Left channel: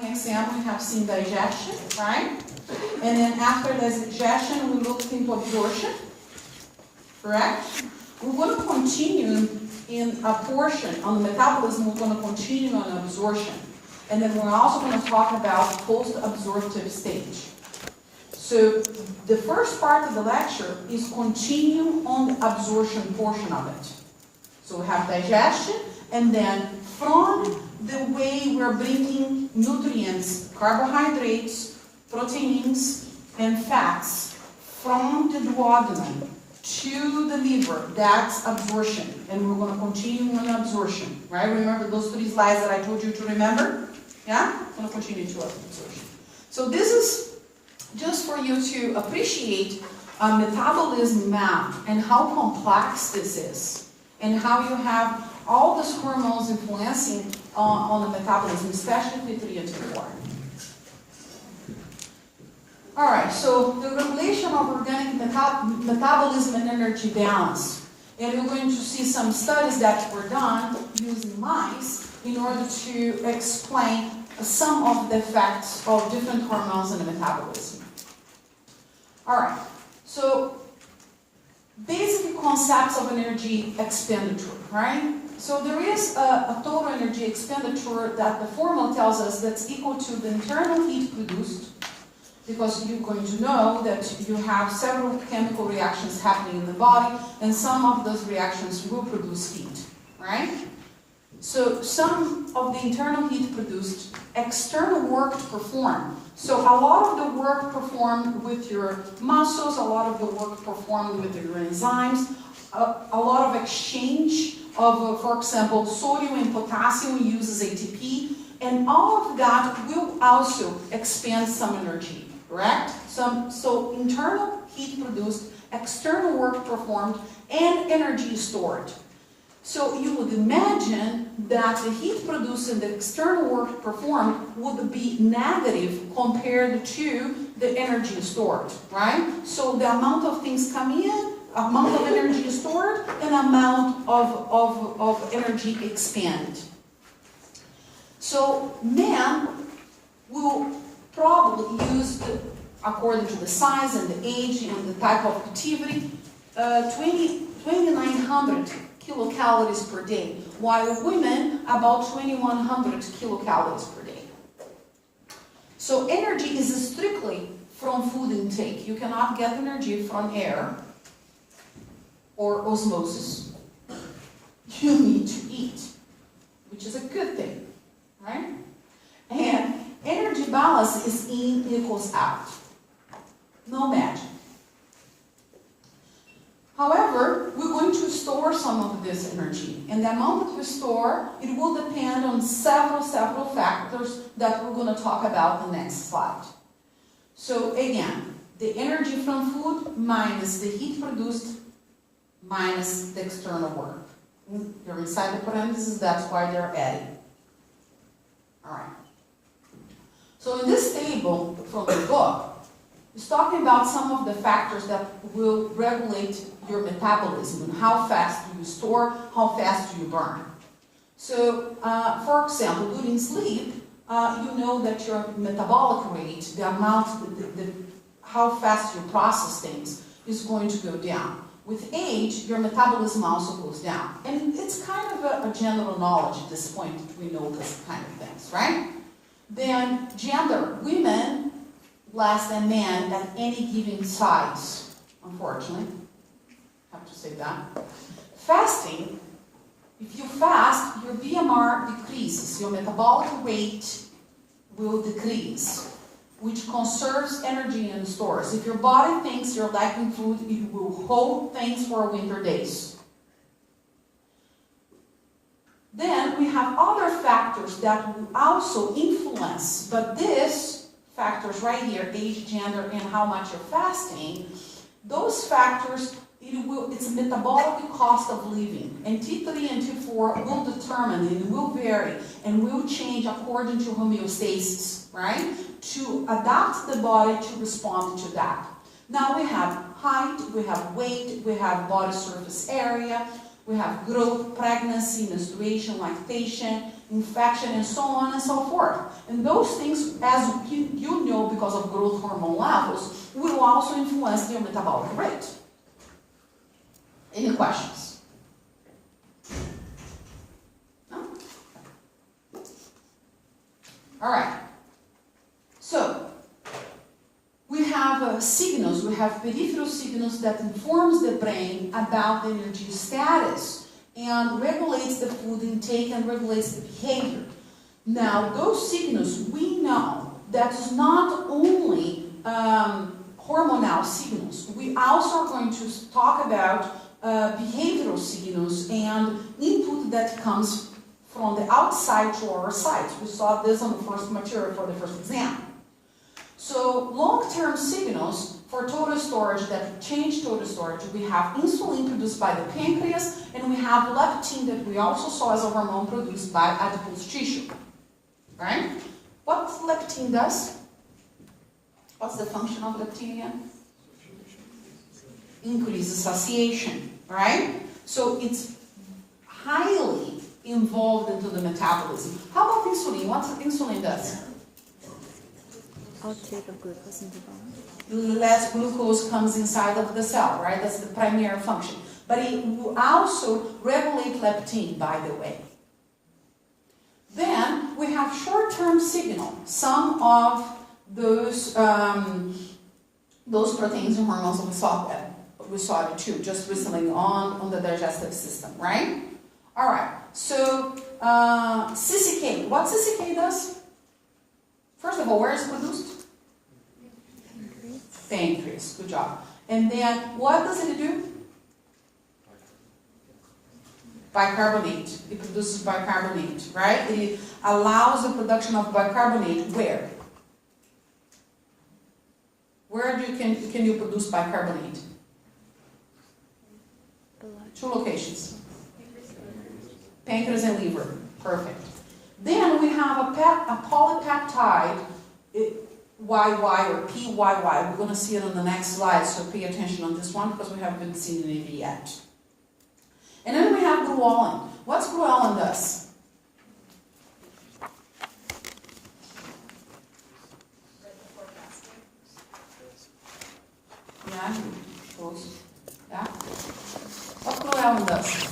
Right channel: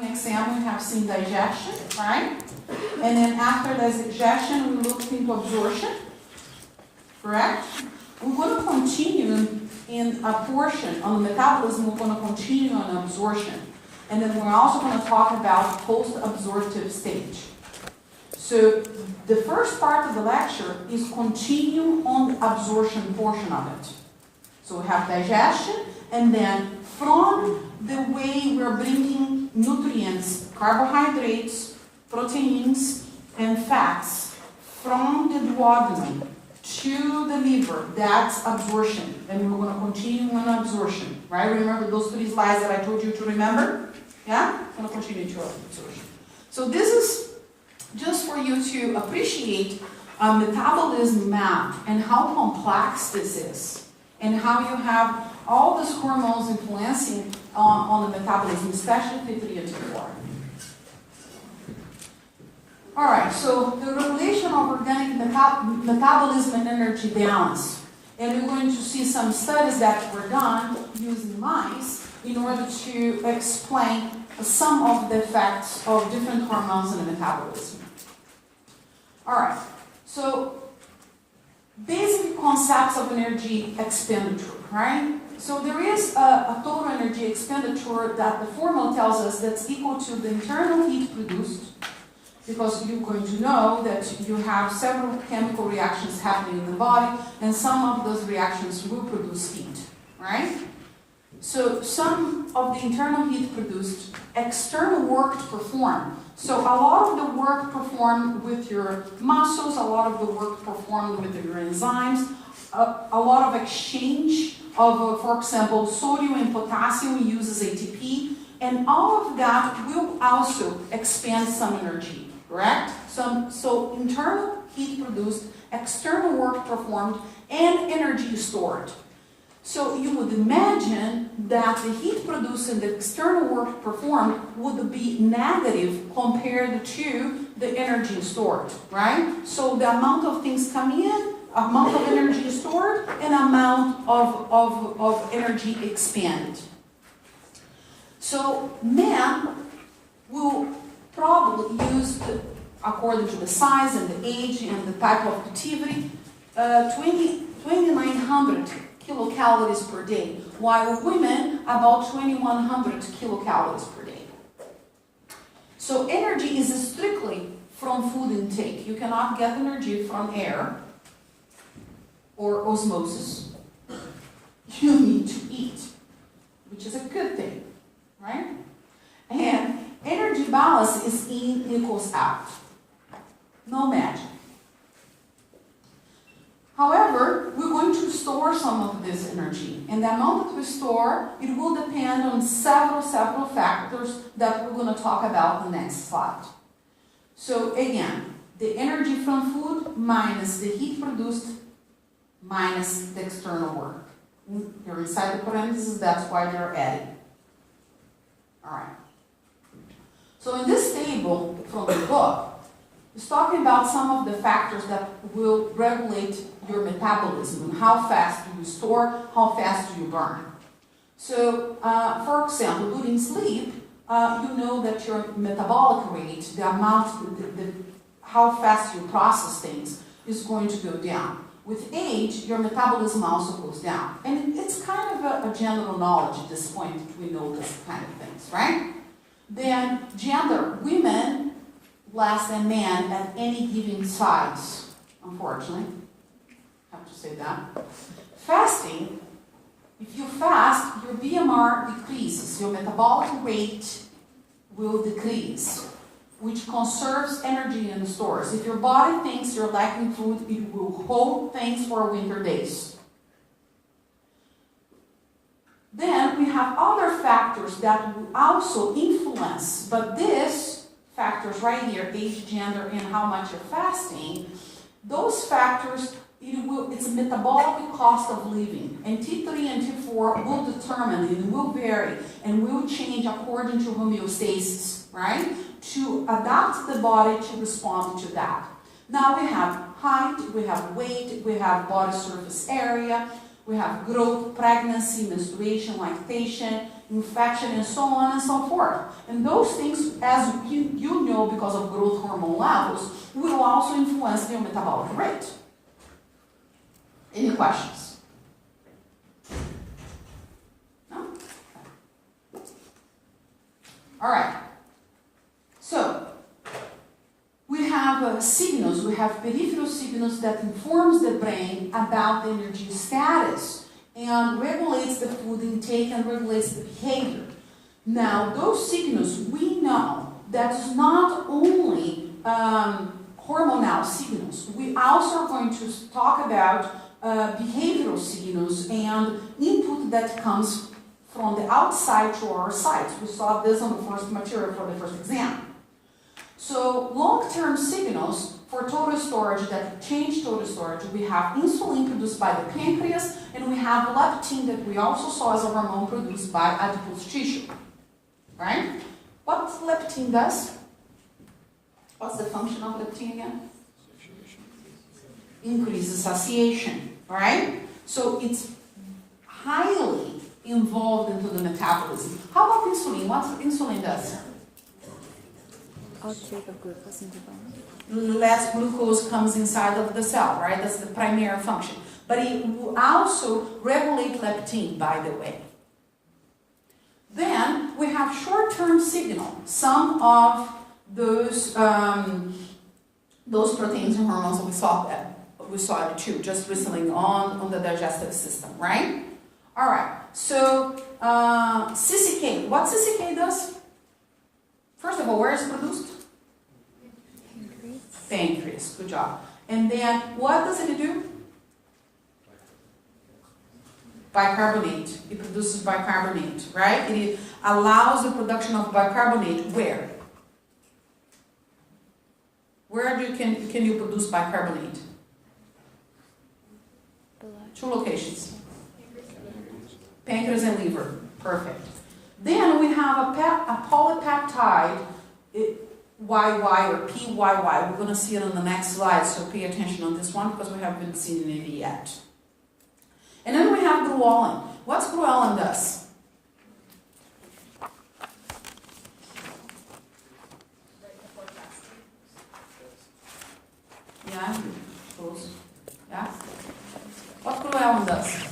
morning exam, we have seen digestion, right? And then after digestion, we looked into absorption, correct? We're going to continue in a portion on the metabolism, we're going to continue on absorption. And then we're also going to talk about post-absorptive stage. So the first part of the lecture is continue on the absorption portion of it. So we have digestion, and then from the way we're bringing nutrients, carbohydrates, proteins, and fats from the duodenum to the liver, that's absorption. And we're going to continue on absorption, right? Remember those 3 slides that I told you to remember? Yeah? I'm going to continue to absorption. So this is just for you to appreciate a metabolism map and how complex this is, and how you have all these hormones influencing on the metabolism, especially P3 and T4. All right, so the regulation of organic metabolism and energy balance. And we're going to see some studies that were done using mice in order to explain some of the effects of different hormones in the metabolism. All right, so basic concepts of energy expenditure, right? So there is a total energy expenditure that the formula tells us that's equal to the internal heat produced, because you're going to know that you have several chemical reactions happening in the body, and some of those reactions will produce heat, right? So some of the internal heat produced, external work performed. So a lot of the work performed with your muscles, a lot of the work performed with your enzymes, a lot of exchange of, for example, sodium and potassium uses ATP, and all of that will also expend some energy, correct? So internal heat produced, external work performed, and energy stored. So you would imagine that the heat produced and the external work performed would be negative compared to the energy stored, right? So the amount of things coming in, amount of energy stored, and amount of energy expended. So men will probably use, according to the size and the age and the type of activity, 2,900 kilocalories per day, while women about 2,100 kilocalories per day. So energy is strictly from food intake. You cannot get energy from air or osmosis. You need to eat, which is a good thing, right? And energy balance is in equals out. No magic. However, we're going to store some of this energy, and the amount that we store, it will depend on several factors that we're going to talk about in the next slide. So again, the energy from food minus the heat produced minus the external work. They're inside the parentheses, that's why they're added. All right. So in this table from the book, it's talking about some of the factors that will regulate your metabolism and how fast do you store, how fast do you burn. So, for example, during sleep, you know that your metabolic rate, the amount, how fast you process things, is going to go down. With age, your metabolism also goes down. And it's kind of a general knowledge at this point that we know this kind of things, right? Then gender, women less than men at any given size, unfortunately. I have to say that. Fasting, if you fast, your BMR decreases, your metabolic rate will decrease, which conserves energy and stores. If your body thinks you're lacking food, it will hold things for winter days. Then we have other factors that will also influence, but this factors right here, age, gender, and how much you're fasting, those factors, it's a metabolic cost of living. And T3 and T4 will determine, and will vary, and will change according to homeostasis, right? To adapt the body to respond to that. Now we have height, we have weight, we have body surface area, we have growth, pregnancy, menstruation, lactation, infection, and so on and so forth. And those things, as you know, because of growth hormone levels, will also influence your metabolic rate. Any questions? No? All right. So, we have signals, we have peripheral signals that informs the brain about the energy status and regulates the food intake and regulates the behavior. Now, those signals, we know that is not only hormonal signals. We also are going to talk about behavioral signals and input that comes from the outside to our sites. We saw this on the first material for the first exam. So long-term signals for total storage that change total storage, we have insulin produced by the pancreas, and we have leptin that we also saw as a hormone produced by adipose tissue. Right? What leptin does? What's the function of leptin again? Increases satiation, right? So it's highly involved into the metabolism. How about insulin? What insulin does? Uptake of glucose into bone. Less glucose comes inside of the cell, right? That's the primary function. But it will also regulate leptin, by the way. Then we have short-term signal. Some of those proteins and hormones we saw it too, just whistling on the digestive system, right? All right. So CCK. What CCK does? First of all, where is it produced? Pancreas. Pancreas. Good job. And then what does it do? Bicarbonate. It produces bicarbonate, right? It allows the production of bicarbonate where? Where can you produce bicarbonate? Blood. 2 locations. Pancreas and liver. Perfect. Then we have a polypeptide, YY or PYY. We're going to see it on the next slide, so pay attention on this one because we haven't seen it yet. And then we have ghrelin. What's ghrelin does? Yeah, close. Yeah. What ghrelin does?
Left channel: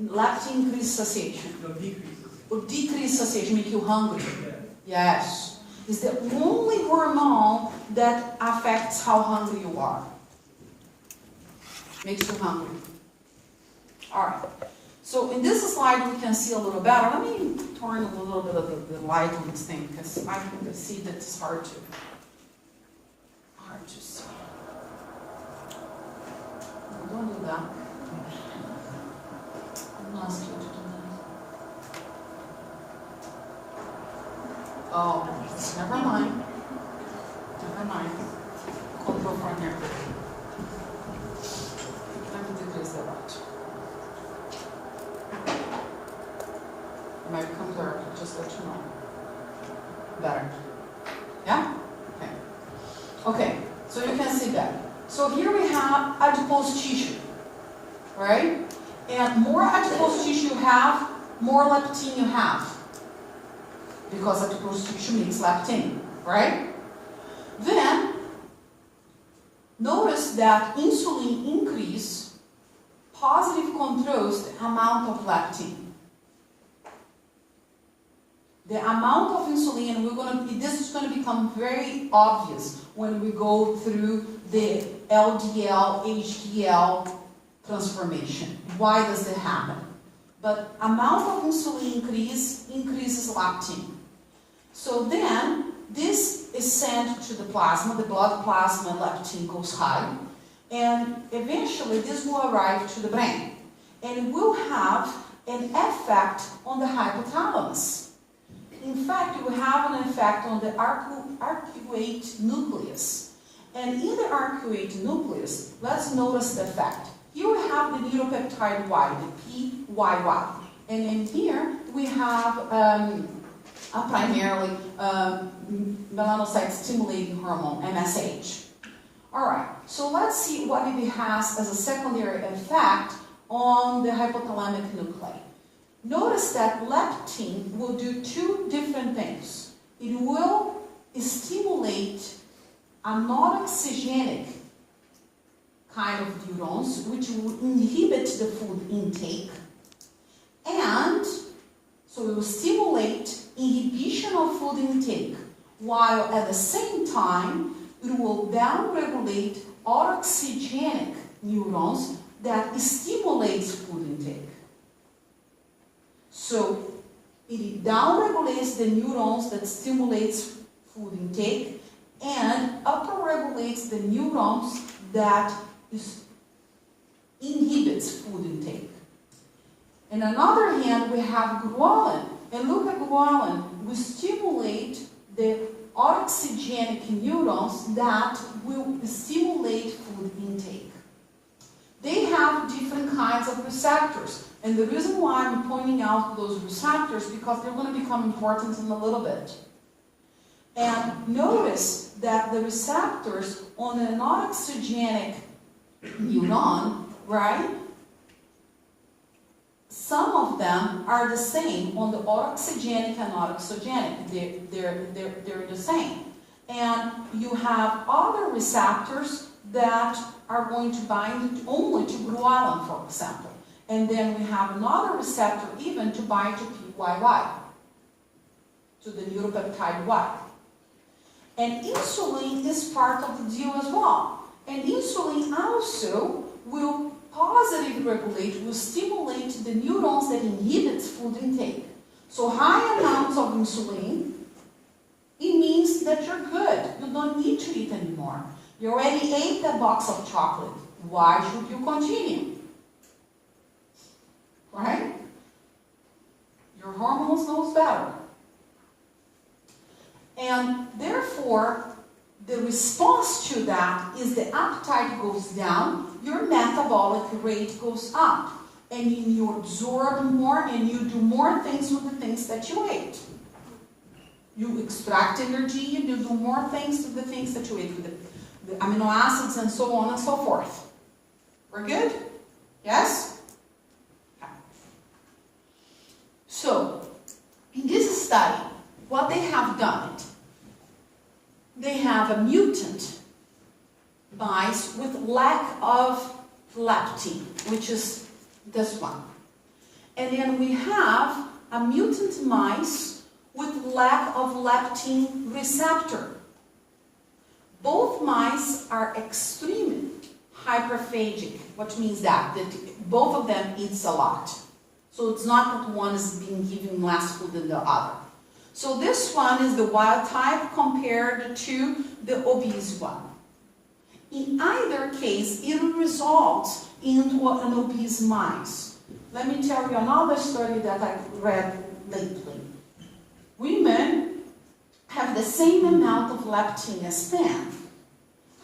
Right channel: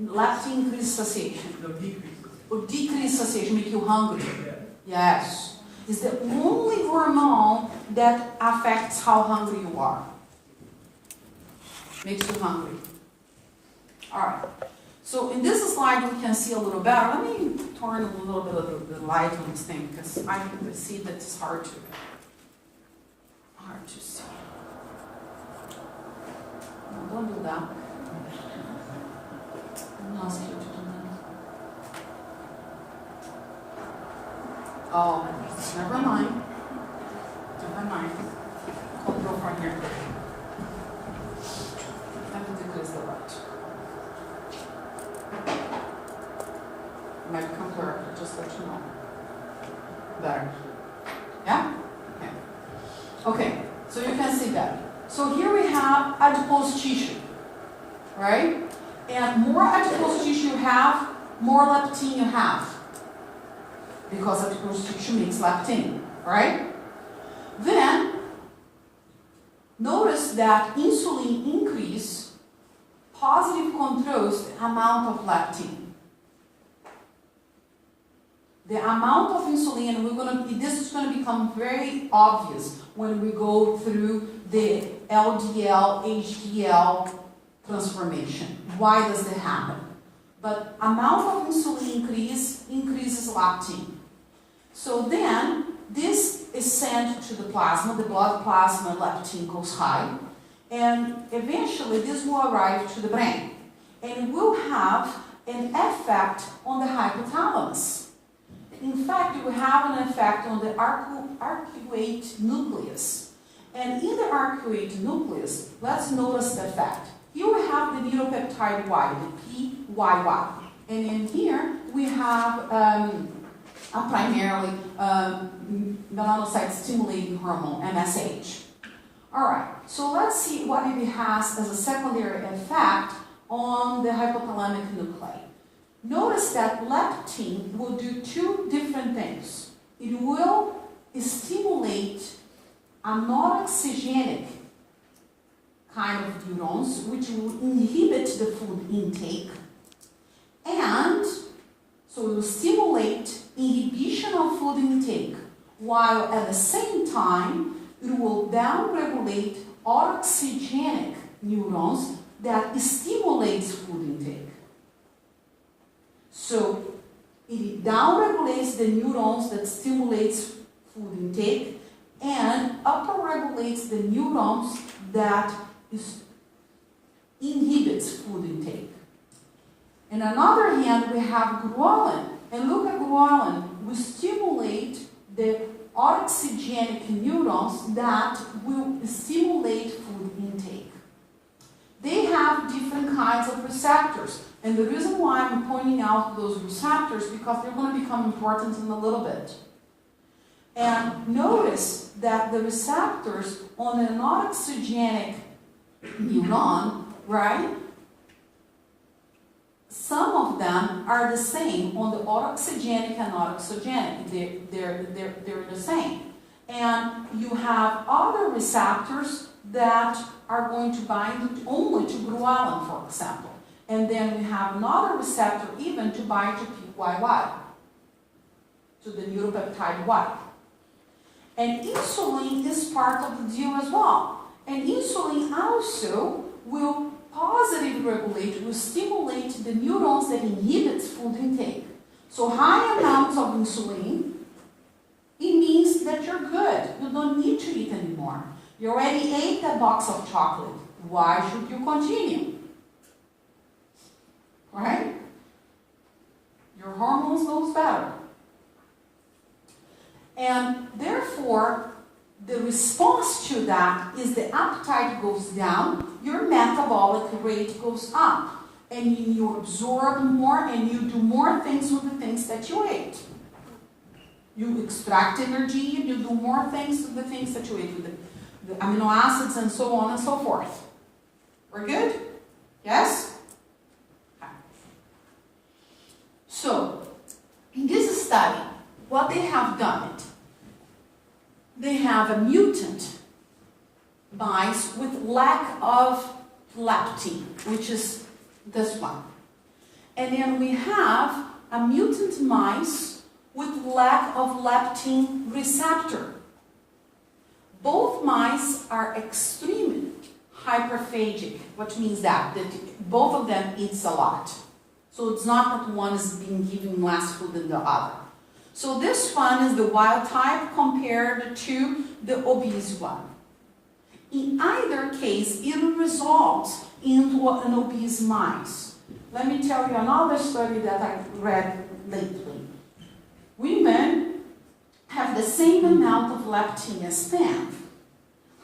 Leptin increase satiation. No, decrease. Or decrease satiation, make you hungry. Yeah. Yes. It's the only hormone that affects how hungry you are. Makes you hungry. Alright. So in this slide we can see a little better. Let me turn a little bit of the light on this thing because I can see that it's hard to see. Don't do that. I'm not scared to do that. Oh, never mind. Never mind. Control from here. I can do this a lot. It might come dark, just let you know. Better. Yeah? Okay. Okay, so you can see that. So here we have adipose tissue, right? And more adipose tissue you have, more leptin you have. Because adipose tissue makes leptin, right? Then, notice that insulin increase positive controls the amount of leptin. The amount of insulin, this is going to become very obvious when we go through the LDL, HDL transformation. Why does it happen? But amount of insulin increases leptin. So then, this is sent to the plasma, the blood plasma leptin goes high, and eventually this will arrive to the brain. And it will have an effect on the hypothalamus. In fact, it will have an effect on the arcuate nucleus. And in the arcuate nucleus, let's notice the effect. Here we have the neuropeptide Y, the PYY. And in here, we have primarily melanocyte stimulating hormone, MSH. All right, so let's see what it has as a secondary effect on the hypothalamic nuclei. Notice that leptin will do two different things. It will stimulate a non-oxygenic kind of neurons, which will inhibit the food intake, and so it will stimulate inhibition of food intake, while at the same time it will downregulate autoxygenic neurons that stimulates food intake. So it downregulates the neurons that stimulates food intake and upregulates the neurons that inhibits food intake. And on the other hand, we have ghrelin. And look at ghrelin. We stimulate the autoxygenic neurons that will stimulate food intake. They have different kinds of receptors. And the reason why I'm pointing out those receptors, because they're going to become important in a little bit. And notice that the receptors on an autoxygenic neuron, right? Some of them are the same on the autoxygenic and autoxogenic. They're the same. And you have other receptors that are going to bind only to ghrelin, for example. And then we have another receptor even to bind to PYY, to the neuropeptide Y. And insulin is part of the deal as well. And insulin also will positively regulate, will stimulate the neurons that inhibit food intake. So high amounts of insulin, it means that you're good. You don't need to eat anymore. You already ate that box of chocolate. Why should you continue? Right? Your hormones knows better. And therefore, the response to that is the appetite goes down, your metabolic rate goes up, and you absorb more and you do more things with the things that you ate. You extract energy, you do more things with the things that you ate, with the amino acids and so on and so forth. We're good? Yes? Okay. So, in this study, what they have done, they have a mutant mice with lack of leptin, which is this one. And then we have a mutant mice with lack of leptin receptor. Both mice are extremely hyperphagic, which means that both of them eats a lot. So it's not that one is being given less food than the other. So this one is the wild type compared to the obese one. In either case, it results into an obese mice. Let me tell you another study that I read lately. Women have the same amount of leptin as men.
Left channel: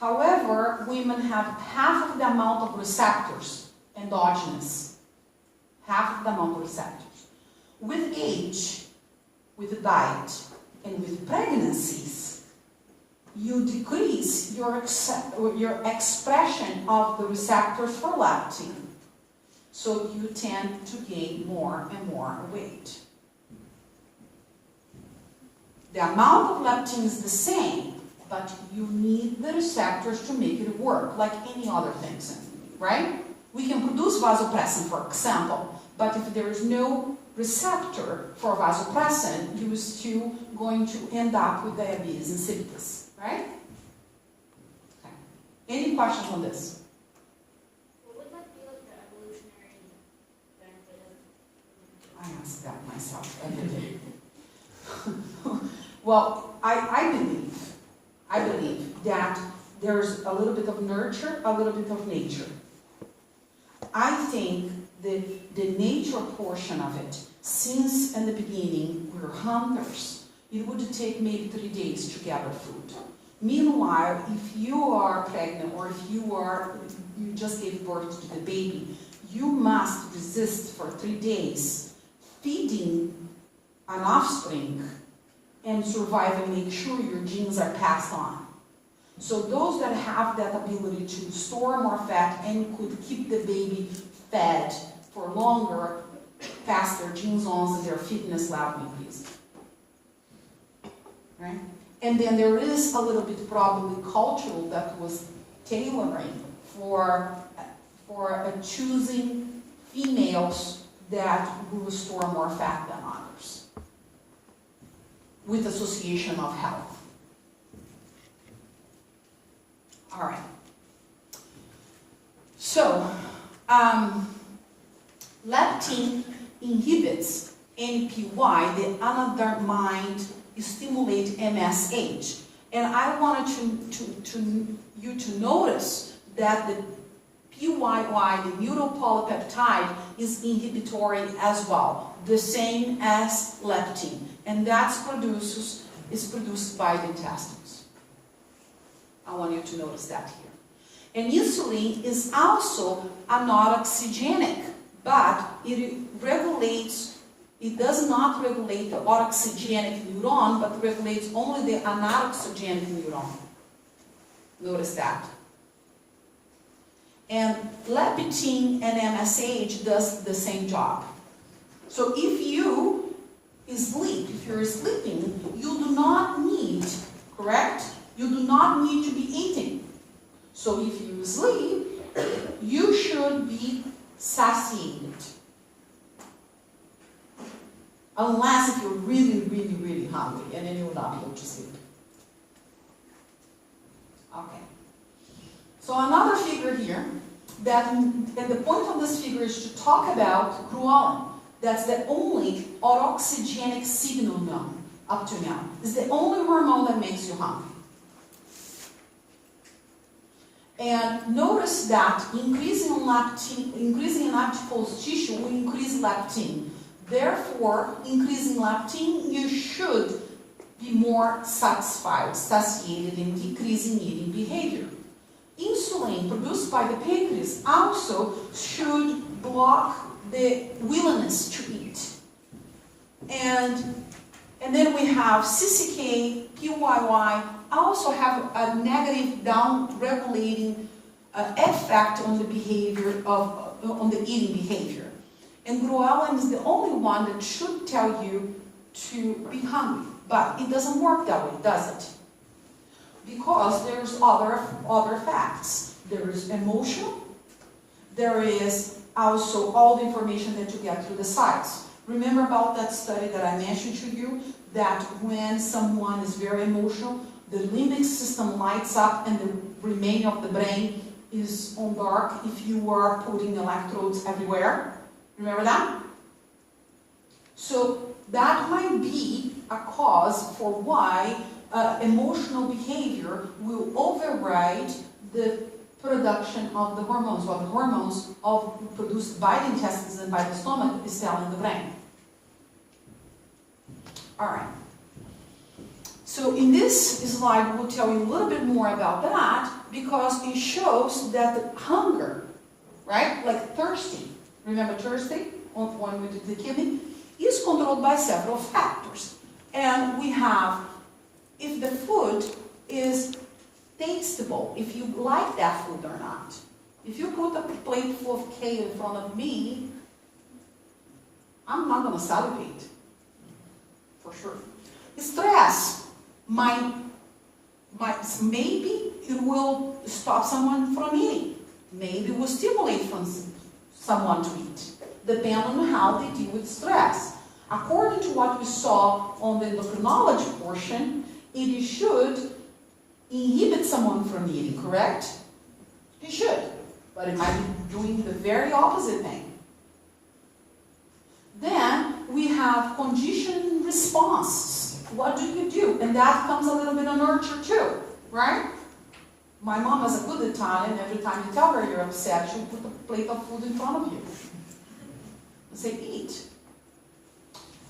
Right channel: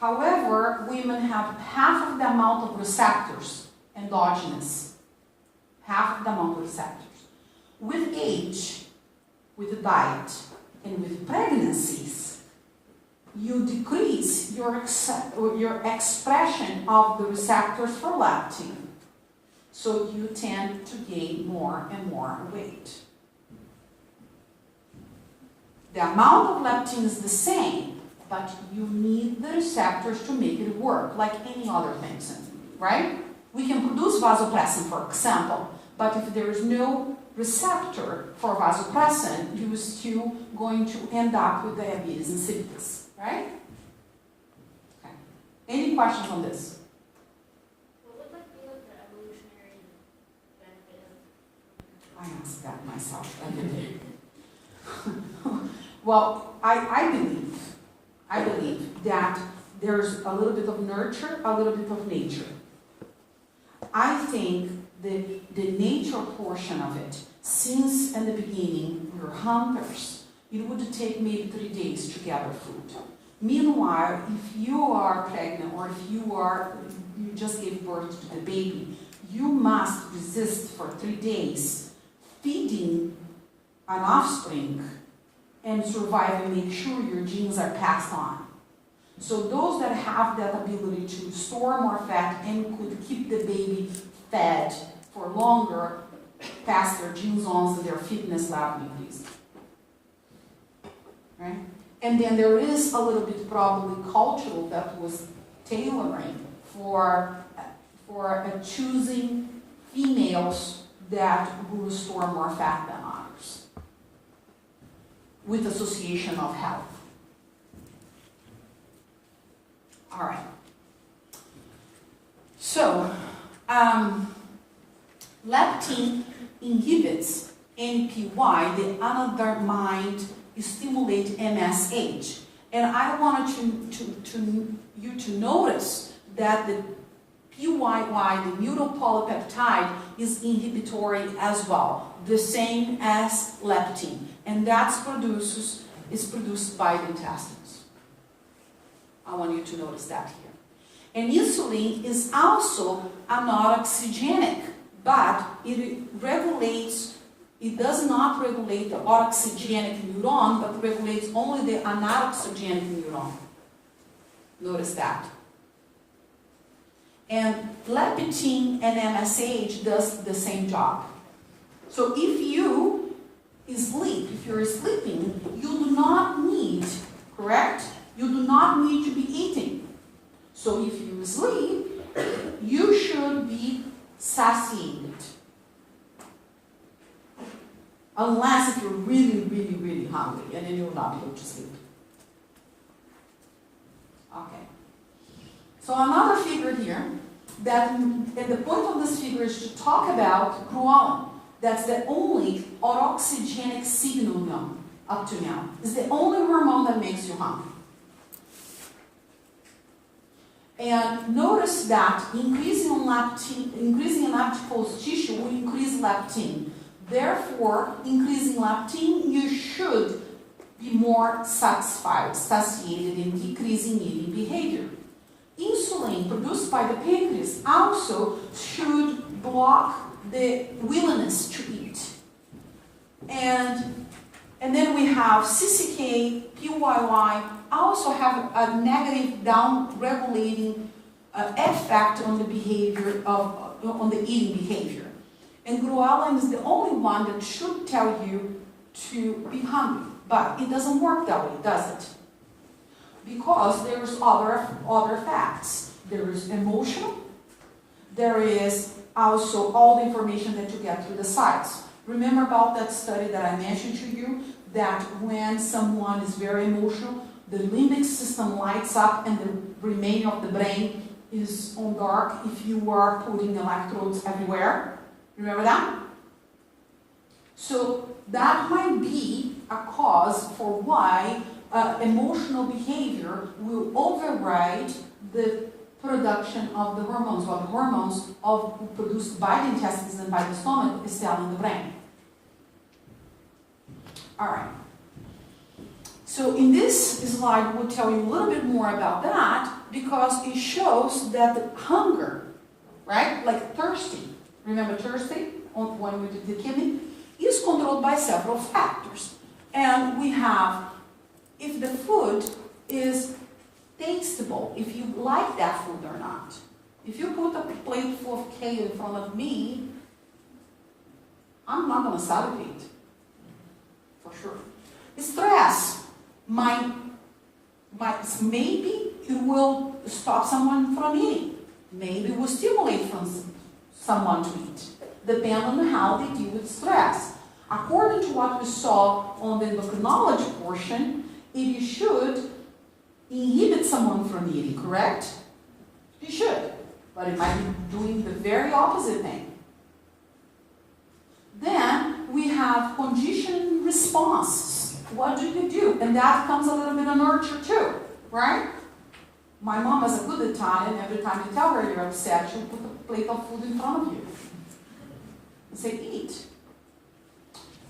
However, women have half of the amount of receptors, endogenous. Half of the amount of receptors. With age, with diet, and with pregnancies, you decrease your expression of the receptors for leptin. So you tend to gain more and more weight. The amount of leptin is the same, but you need the receptors to make it work, like any other things, right? We can produce vasopressin, for example, but if there is no receptor for vasopressin, you're still going to end up with diabetes insipidus, right? Okay. Any questions on this? What would that be like the evolutionary benefit of? I ask that myself every day. Well, I believe that there's a little bit of nurture, a little bit of nature. I think the nature portion of it, since in the beginning we were hunters, it would take maybe 3 days to gather food. Meanwhile, if you are pregnant or if you just gave birth to the baby, you must resist for 3 days feeding an offspring and survive and make sure your genes are passed on. So those that have that ability to store more fat and could keep the baby fed for longer, pass their genes on and their fitness level increase. Right? And then there is a little bit probably cultural that was tailoring for choosing females that will store more fat than others, with association of health. All right. So, leptin inhibits NPY, the anandamide stimulate MSH. And I wanted you to notice that the PYY, the mutopolypeptide, is inhibitory as well, the same as leptin, and is produced by the intestines. I want you to notice that here. And insulin is also anoxygenic, but it does not regulate the oxygenic neuron, but regulates only the anoxygenic neuron. Notice that. And leptin and MSH does the same job. So if you sleep, if you're sleeping, you do not need, correct? You do not need to be eating. So if you sleep, you should be satiated. Unless if you're really, really, really hungry, and then you will not be able to sleep. Okay. So another figure here, and the point of this figure is to talk about ghrelin. That's the only autoxygenic signal known up to now. It's the only hormone that makes you hungry. And notice that increasing in adipose tissue will increase leptin. Therefore, increasing leptin, you should be more satisfied, satiated, and decreasing eating behavior. Insulin produced by the pancreas also should block the willingness to eat. And then we have CCK, PYY, also have a negative down-regulating effect on the behavior on the eating behavior. And ghrelin is the only one that should tell you to be hungry. But it doesn't work that way, does it? Because there's other facts. There is emotional. There is also all the information that you get through the sites. Remember about that study that I mentioned to you, that when someone is very emotional, the limbic system lights up and the remaining of the brain is on dark if you are putting electrodes everywhere. Remember that? So that might be a cause for why emotional behavior will override the production of the hormones, what the hormones produced by the intestines and by the stomach is telling the brain. All right. So in this slide, we'll tell you a little bit more about that because it shows that the hunger, right, like thirsty, remember thirsty when we did the kidney, is controlled by several factors. And we have, if the food is tasteable, if you like that food or not. If you put a plate full of cake in front of me, I'm not going to salivate, for sure. Stress maybe it will stop someone from eating. Maybe it will stimulate someone to eat, depending on how they deal with stress. According to what we saw on the endocrinology portion, it should inhibit someone from eating, correct? It should, but it might be doing the very opposite thing. Then we have conditioning responses. What do you do? And that comes a little bit of nurture too, right? My mom is a good Italian. Every time you tell her you're upset, she'll put a plate of food in front of you and say, eat.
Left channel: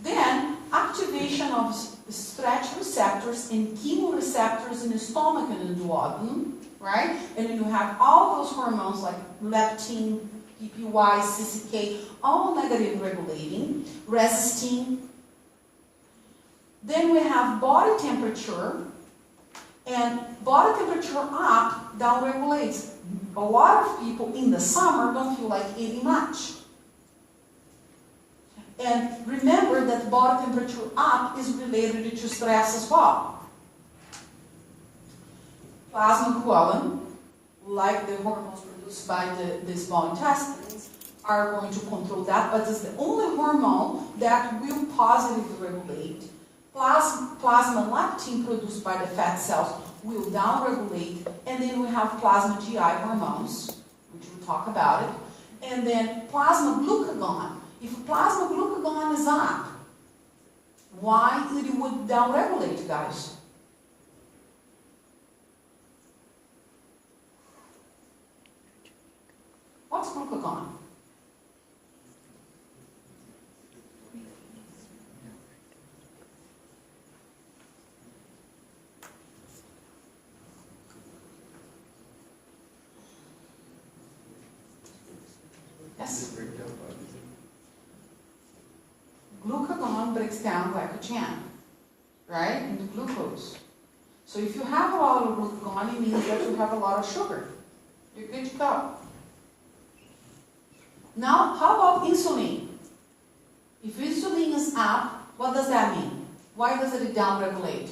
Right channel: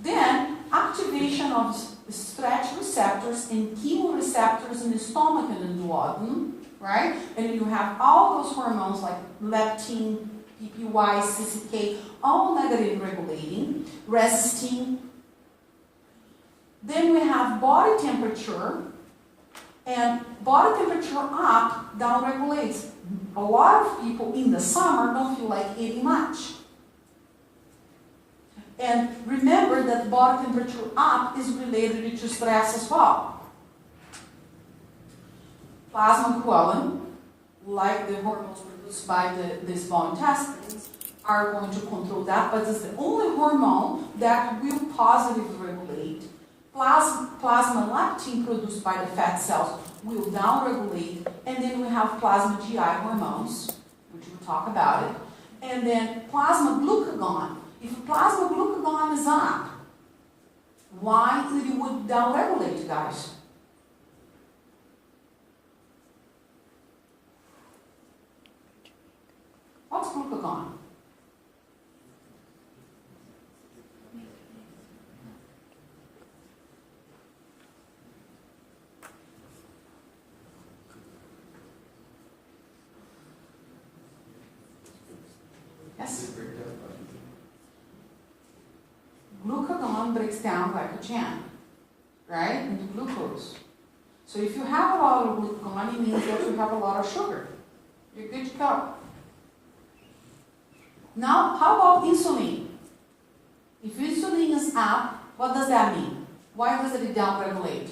Then activation of stretch receptors and chemoreceptors in the stomach and in the duodenum, right? And then you have all those hormones like leptin, PPY, CCK, all negative regulating, resisting. Then we have body temperature, and body temperature up down regulates. A lot of people in the summer don't feel like eating much. And remember that body temperature up is related to stress as well. Plasma ghrelin, like the hormones produced by the small intestines, are going to control that, but it's the only hormone that will positively regulate. Plasma leptin produced by the fat cells will downregulate, and then we have plasma GI hormones, which we'll talk about it, and then plasma glucagon. If plasma glucagon is up, why it would downregulate, guys? What's glucagon? Yes? Glucagon breaks down glycogen, right, into glucose. So if you have a lot of glucagon, it means that you have a lot of sugar. You're good to go. Now, how about insulin? If insulin is up, what does that mean? Why does it downregulate?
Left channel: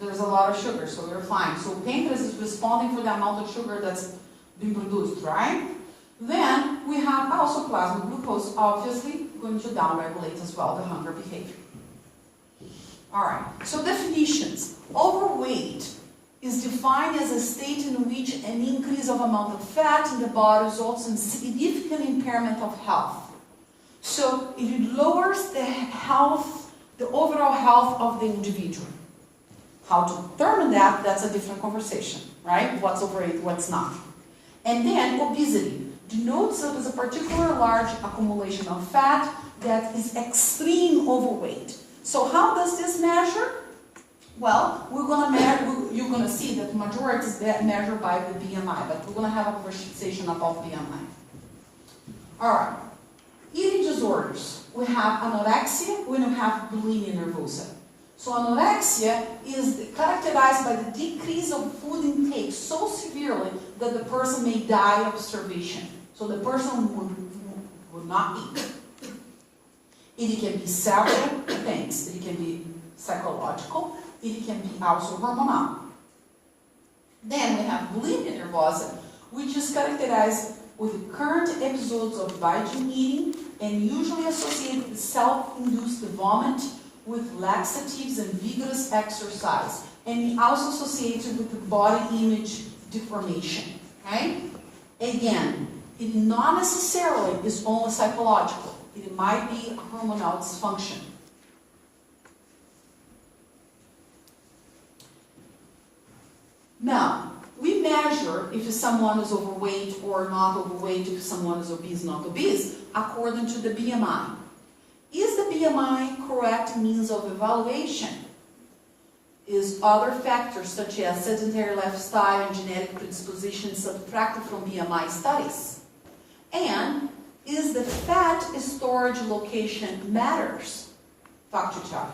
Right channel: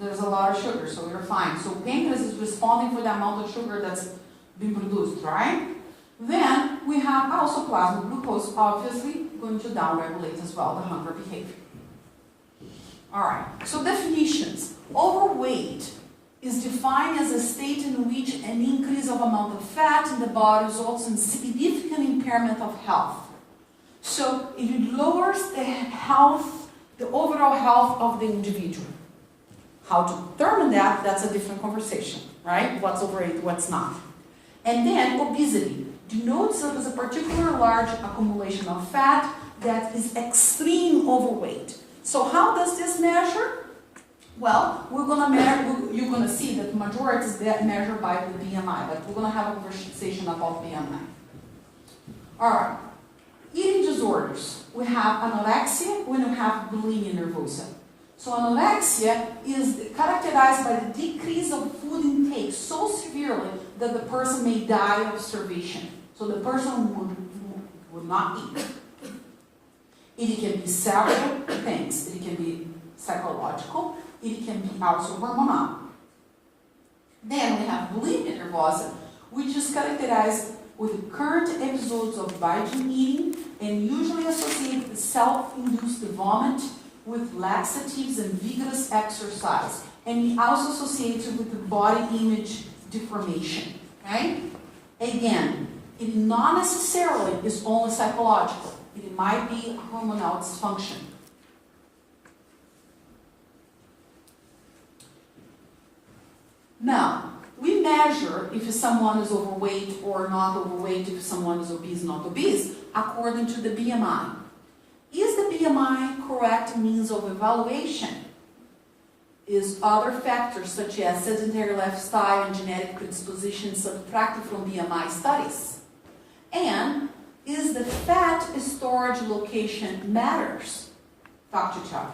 There's a lot of sugar, so we're fine. So pancreas is responding for the amount of sugar that's being produced, right? Then we have also plasma glucose, obviously going to downregulate as well the hunger behavior. All right, so definitions. Overweight is defined as a state in which an increase of amount of fat in the body results in significant impairment of health. So it lowers the health, the overall health of the individual. How to determine that, that's a different conversation, right? What's overweight, what's not. And then obesity denotes that as a particularly large accumulation of fat that is extreme overweight. So how does this measure? Well, we're going to measure, you're going to see that the majority is measured by the BMI, but we're going to have a conversation about BMI. All right. Eating disorders. We have anorexia, we have bulimia nervosa. So anorexia is characterized by the decrease of food intake so severely that the person may die of starvation. So the person would not eat. It can be several things. It can be psychological. It can be also hormonal. Then we have bulimia nervosa, which is characterized with current episodes of binge eating and usually associated with self-induced vomit, with laxatives and vigorous exercise, and also associated with the body image deformation, right? Again, it not necessarily is only psychological. It might be hormonal dysfunction. Now, we measure if someone is overweight or not overweight, if someone is obese or not obese, according to the BMI. Is the BMI correct means of evaluation? Is other factors such as sedentary lifestyle and genetic predisposition subtracted from BMI studies? And is the fat storage location matters? Talk to each other.